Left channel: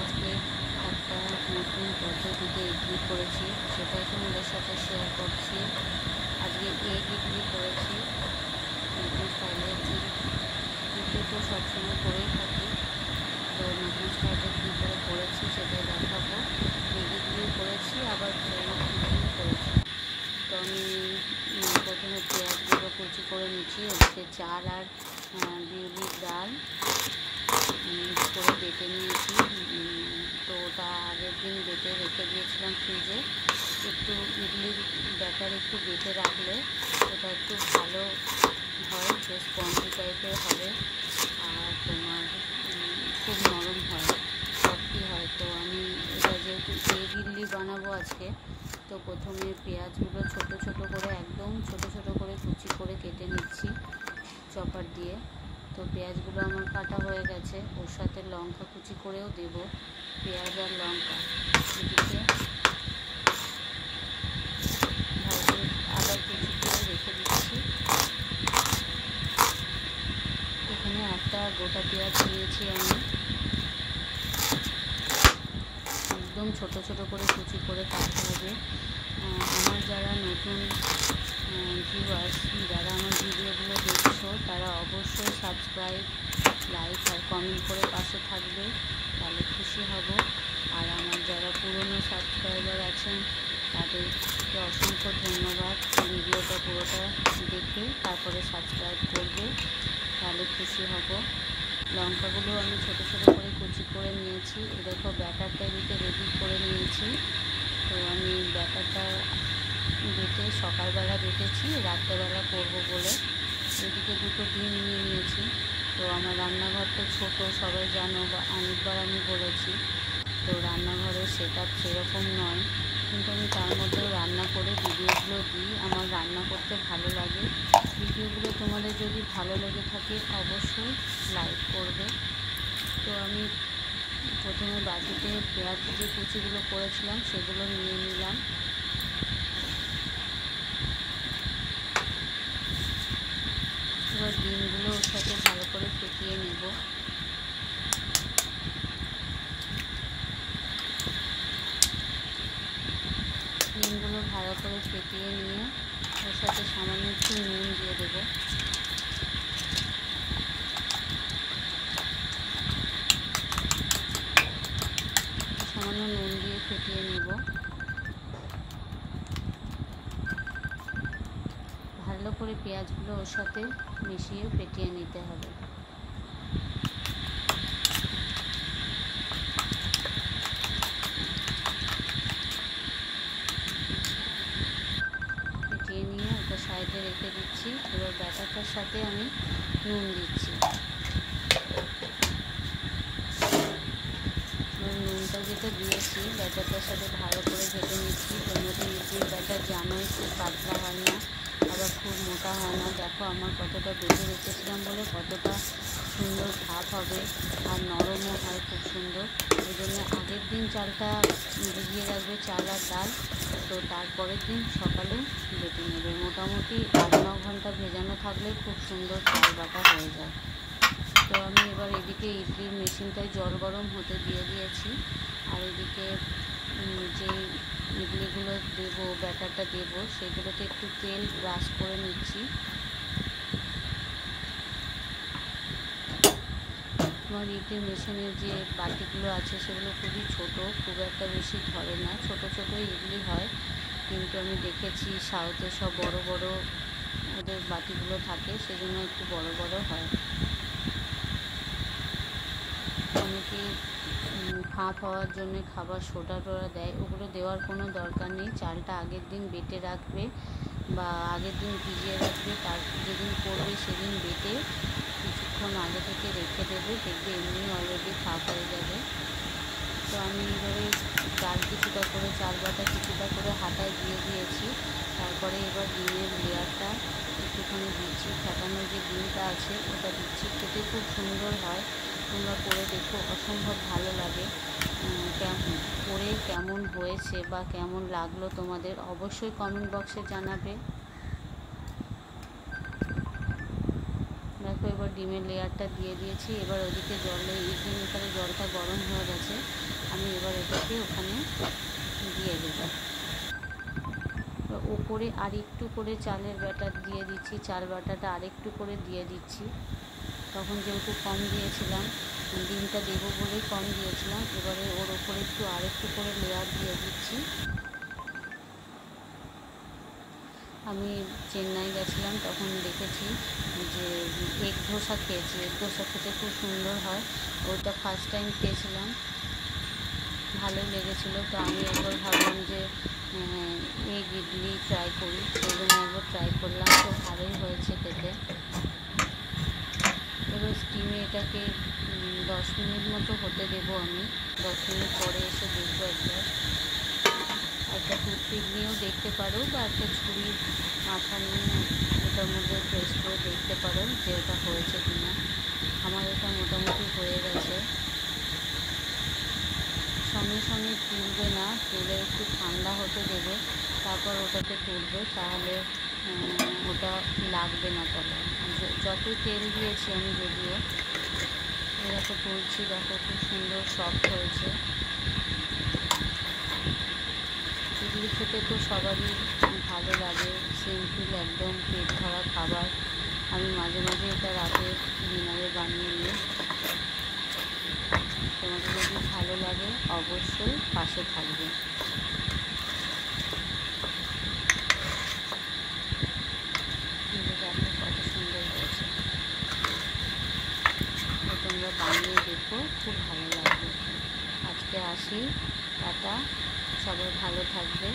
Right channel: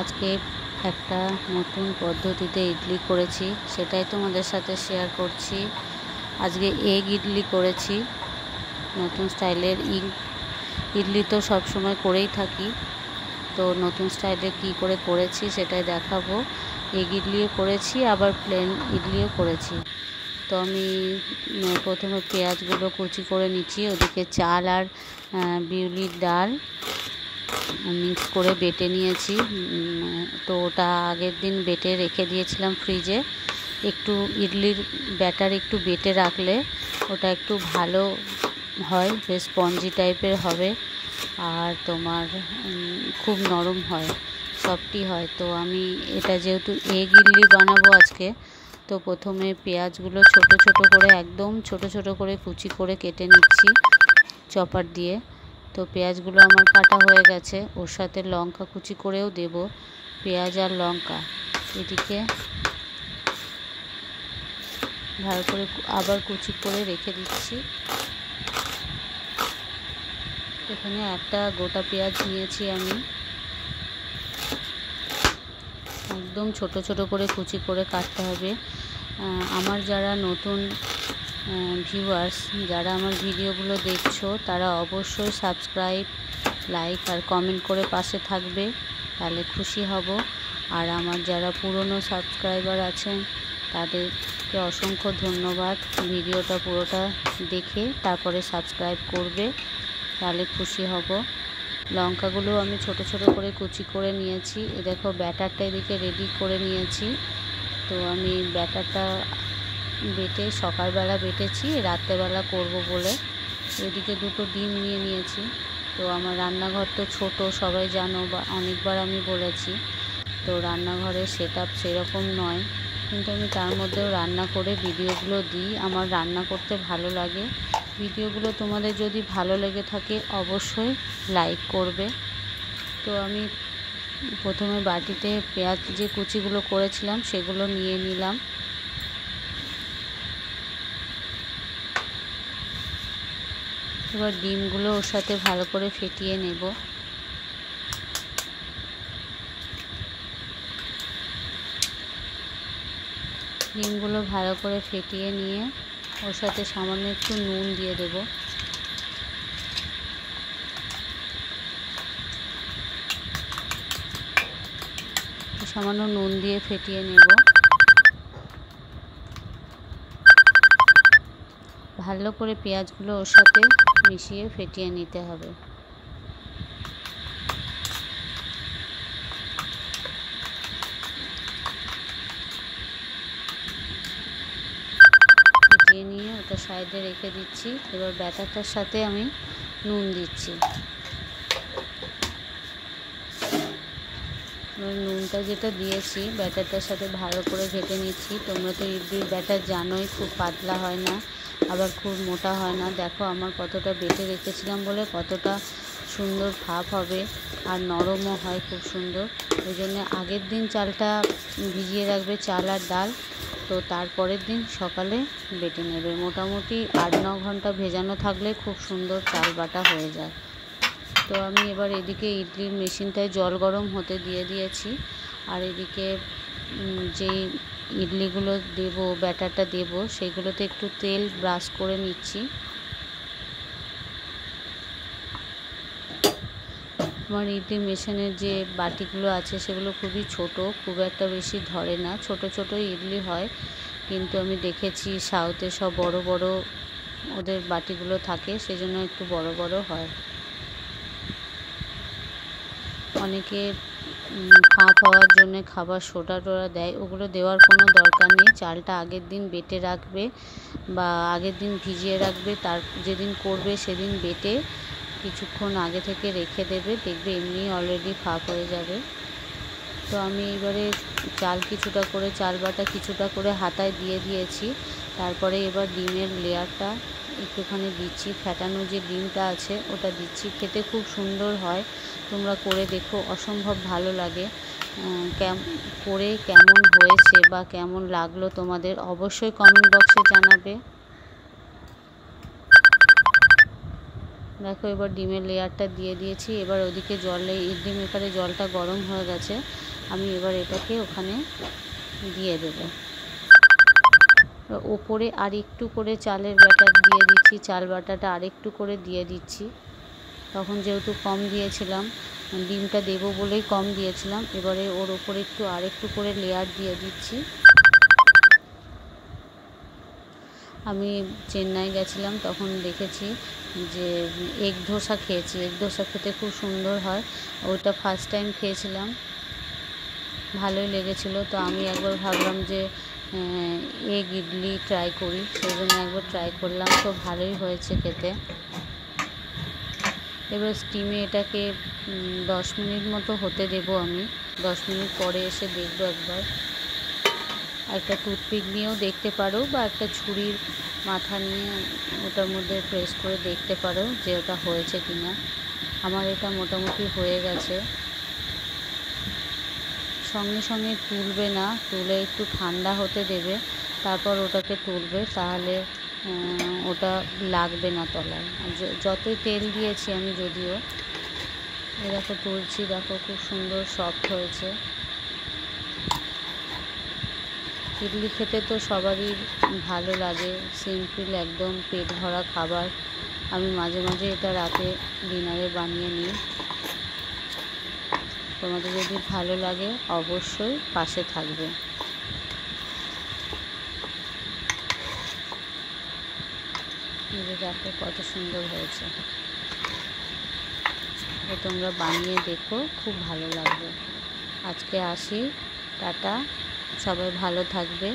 আজকে একটা নতুন পদ্ধতিতে ইডলি করেছি, সেটাই তোমাদের সাথে শেয়ার করছি। আজকে এগ ইডলি করেছি, নতুন স্টাইলের। ইডলি তো সব সময় করেই থাকি, তো নতুন স্টাইলে কী করে করেছি সেটাই দেখাবো। এগ ইডলিও করেছি, আবার প্লেন ইডলিও করেছি। তো আমি প্রথমে পেঁয়াজগুলো কুচি করে নিচ্ছি, ওদিকে চাল আর বিউলির ডাল মিক্স করে বেটে নিয়েছি। তো ওটা আগের দিন বেটে রেখে দিয়েছিলাম ফ্রিজে। একটু ইডলির ব্যাটার একটু বেটে রাখলে ওটা একটু ভালো হয়, বেশ স্পঞ্জি টাইপের হবে, আর তোমার খুব নরম হয়, সফটই হয়। তো আমি এটা যেহেতু এগ ইডলি বানাবো আজকে, তো প্রথমে পেঁয়াজগুলো ছোট ছোট করে, একদম ছোট ছোট করে কুচি করে কেটে নিচ্ছি চপার দিয়ে। তো পেঁয়াজগুলো আমার কাটা হয়ে গেছে, ওর সাথে লঙ্কা কুচি করেও দেব, পেঁয়াজ আর লঙ্কা। এদিকে ভালো করে আবার কুচি করে রেখে দিচ্ছি। এখানে একটা গোটা পেঁয়াজ নিয়েছি আমি, একদম ছোট ছোট করে কুচি করে কাটতে হবে। আমার যারা নতুন ভিউয়ার্স, যারা আমার ভিডিওগুলো দেখছো, তারা অবশ্যই সাবস্ক্রাইব, লাইক আর কমেন্ট করে পাশে থাকবে, তাহলে খুশি হব। আর আমার যারা পুরনো সাবস্ক্রাইবার আছেন তাদেরকে অসংখ্য ধন্যবাদ। ভিডিওটা পুরোটা দেখে তারপরে সাবস্ক্রাইব করবে, তাহলে খুশি হব। লঙ্কাগুলো আমি ছোট ছোট করে কুচি করে নিয়েছি। এ দেখো, ব্যাটারটা এদিকে রেডি করে নিয়েছি। তো আমি ব্যাটারটা বেটে সকালবেলা বেটেছি, রাত্রেবেলা করব বলে। এদিকে দুটো ডিম নিয়ে নিয়েছি। তো আমার রান্নাঘর তো ছোট, সবাই জানো, বা অনেকবার আমি বলেছি। তো রান্নাঘরের সেটআপ সেরকম নয়, কিন্তু আমি তার মধ্যেও রান্না করে ভিডিওগুলো দিই। আমার রান্না করতে ভালো লাগে। ভিডিওগুলো তোমাদের যদি ভালো লেগে থাকে অবশ্যই লাইক করবে। তো আমি প্রথমে বাটিতে পেঁয়াজ যে কুচিগুলো করেছিলাম সেগুলো নিয়ে নিলাম। এবার ডিমগুলো ওর সাথে ভালো করে ফেটিয়ে নেব। ডিমগুলো ভালো করে ফেটিয়ে নিয়ে ওর সাথে সামান্য একটু নুন দিয়ে দেব। সামান্য নুন দিয়ে ফেটিয়ে নেব। ভালো করে পেঁয়াজগুলো ওর সাথে মিশিয়ে ফেটিয়ে নিতে হবে। ফেটিয়ে নিয়ে ওটা সাইডে রেখে দিচ্ছি। এবার ব্যাটারটার সাথে আমি নুন দিচ্ছি। এবার নুনটা যেটা দিয়েছি ব্যাটারটার সাথে ভালো করে ঘেটে নিচ্ছি। তোমরা তো ইডলির ব্যাটার জানোই, খুব পাতলা হয় না, আবার খুব মোটা হয় না। দেখো আমার কতটা বেটে রেখেছিলাম বলে কতটা সুন্দর ভাব হবে, আর নরমও হয় খুব সুন্দর। ওই জন্য আগের দিন চালটা ভিজিয়ে রাখবে, চাল আর ডাল। তো তারপরের দিন সকালে বেটে নেবে। মোটামুটি 8-9 ঘন্টা ভেজানো থাকলে খুব সুন্দর চাল বাটা হয়ে যায়। তো আমি এবার এদিকে ইডলির মেশিনটায় জল গরম হতে দিয়ে দিয়েছি, আর এদিকে যেই ইডলিগুলো দেব, ব্যাটারটা দেব, সেগুলোতে একটু তেল ব্রাশ করে নিচ্ছি। আমার ইডলির মেশিনের যে বাটিগুলো আছে সেগুলো খুবই ছোট, খুব একটা বেশি ধরে না, ছোট ছোট ইডলি হয়। কিন্তু আমি দেখেছি সাউথে সব বড় বড় ওদের বাটিগুলো থাকে, সেজন্য একটু বড় বড় হয়। অনেকে ভাপ হওয়ার জন্য খাবার সোডা টোডা দেয়, ওগুলো দেওয়ার কোনো দরকার নেই। চালটা আগের দিন বেটে রাখবে বা আগের দিন ভিজিয়ে রাখবে, তার যেদিন করবে সেদিন বেটে কিছুক্ষণ আগে থেকে রেখে দেবে, দেখবে এমনি অলরেডি ভাপ হয়ে যাবে। তো আমি এবারে চাল কিছুটা করে, চাল বাটা কিছুটা করে হাতায় দিয়ে দিয়েছি। তারপরে এবার ডিমের লেয়ারটা একটুখানি দিচ্ছি, ফ্যাটানো যে ডিমটা আছে ওটা দিচ্ছি। খেতে খুব সুন্দর হয়, তোমরা করে দেখো, অসম্ভব ভালো লাগে। করে কেমন হয়েছে বা কেমন লাগলো তোমাদের অবশ্যই কমেন্ট বক্সে জানাবে। দেখো এবার ডিমের লেয়ারটা দিয়ে দিয়েছি। এবার ওদিকে ইডলি মেকারে জলটা গরম হয়ে গেছে, আমি এবার এটাকে ওখানে দিয়ে দেবো। ওপরে আর একটু করে চালের ব্যাটার দিয়ে দিচ্ছি, চাল বাটাটা আরেকটু করে দিয়ে দিচ্ছি। তখন যেহেতু কম দিয়েছিলাম, ডিমটা দেবো বলেই কম দিয়েছিলাম, এবারে ওর ওপরে একটু আরেকটু করে লেয়ার দিয়ে দিচ্ছি। আমি চেন্নাই গেছিলাম, তখন দেখেছি যে এগ ধোসা খেয়েছি, এগ ধোসা খেতে খুব সুন্দর হয়। ওইটা ফার্স্ট টাইম খেয়েছিলাম, ভালোই লেগেছিলো। তো আমি একবার ভাবলাম যে এগ ইডলি ট্রাই করি, সেই জন্য একবার ট্রাই করলাম, তো ভালোই হয়েছে খেতে। এবার স্টিমে এটাকে 10 মিনিট মতো হতে দেবো আমি। 10 মিনিট পরে এসে দেখবো একবার। একটা টুথপিক নিয়েও দেখতে পারো, বা একটা ছুরির মাথা নিয়ে ওটার মধ্যে প্রেস করে দেখতে পারো যে ওটা হয়েছে কি না। আমার এটা মোটামুটি হয়ে গেছে। সঙ্গে সঙ্গে তুলবে না, তুলে একটু ঠান্ডা হতে দেবে, তারপর ওটাকে তুলবে, তাহলে ওটা লাগবে না তলায়। যতই তেল দিয়েছি আমি, যদিও দেখো তুলছি, দেখো খুব সুন্দর সফট হয়েছে। ইডলি খেতে তো সবারই ভালো লাগে, সিম্পল একদম পেট ভরা খাবার। আমি মাঝে মাঝে এটা রাতে ডিনারে বানিয়ে নিই। তোমাদের যদি ভালো লাগে অবশ্যই পাশে থাকবে। দেখো কত সুন্দর হয়েছে, তোমরা বানিয়ে দেখো, খুব ভালো লাগবে। আজকে আসি, টাটা, সবাই ভালো থাকবে।